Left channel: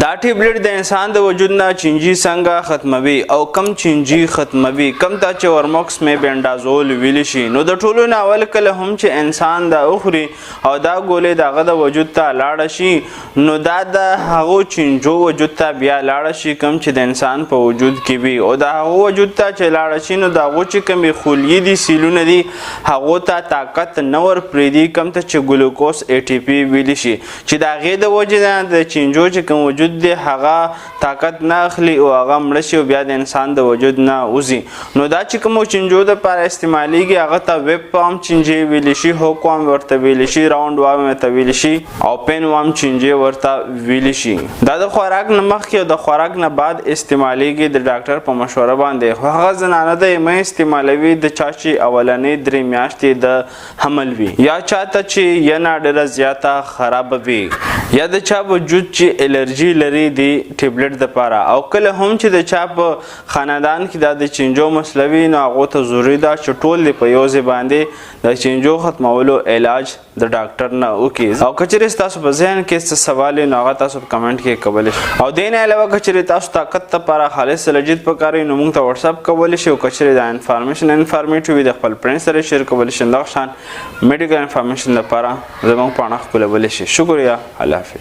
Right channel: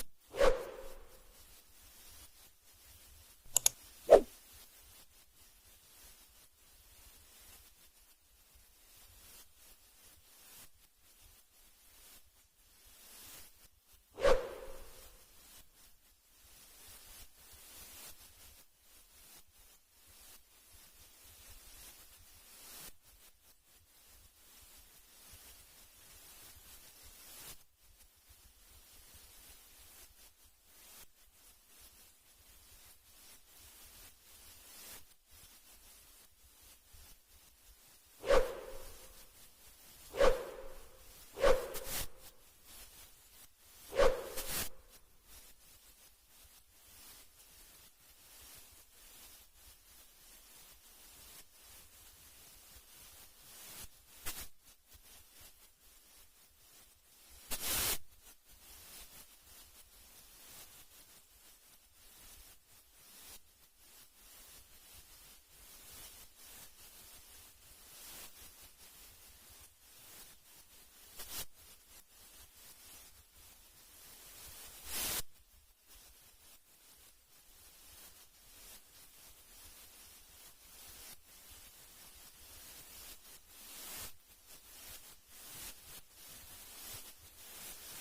دا ټیبلیټ د انسان د وجود نه چینجي څنګه ختموي او کم چینجي ختموي کم ته چې ورموکس میبندازول ویلی شي. نو د ټولو نه اول کله هم چې انسان دا اخوري او دا ګولې دغه د وجود ته لاړه شي نو دا د هغو چینجو وجود ته بیا لاړه شي کم چې د انسان په وجود کې وي او د هغو وجود ته چې لاړه شي نو د هغو چې کومې خلیې دي سیلونه دي هغو ته طاقت نه ورپرېږدي کم ته چې ګلوکوز ATP ویلی شي چې د هغې د وجې نه د چینجو چې کوم وجود دی هغه طاقت نه اخلي او هغه مړه شي او بیا د انسان د وجود نه وځي. نو دا چې کومو چینجو دپاره استعمالیږي هغه ته ویب پام چینجې ویلی شي، هوک وام ورته ویلی شي، راونډ وام ورته ویلی شي او پین وام چینجې ورته ویلی شي. دا د خوراک نه مخکې او د خوراک نه بعد استعمالیږي د ډاکټر په مشوره باندې. خو هغه زنانه ده یې مه استعمالوي د چا چې اولنۍ 3 میاشتې د حمل وي یا چاته چې ینه ډېره زیاته خرابه وي یا د چا وجود چې الرجي لري د ټیبلیټ دپاره او کله هم چې د چا په خاندان کې دا د چینجو مسله وي نو هغو ته ضروري ده چې ټول د په یو ځای باندې د چینجو ختمولو علاج د ډاکټر نه وکړي. او که چېرې ستاسو په ذهن کې څه سوال وي نو هغه تاسو په کمنټ کې کولی شئ. او دې نه علاوه که چېرې تاسو طاقت دپاره خالص لجید پکار وي نو موږ ته وټساپ کولی شئ او که چېرې دا انفارمیشن انفارمیټیو وي د خپل فرینډ سره شیر کولی شئ. دغه شان میډیکل انفارمیشن لپاره زموږ پاڼه خپلولی شئ. شکریه. الله حافظ.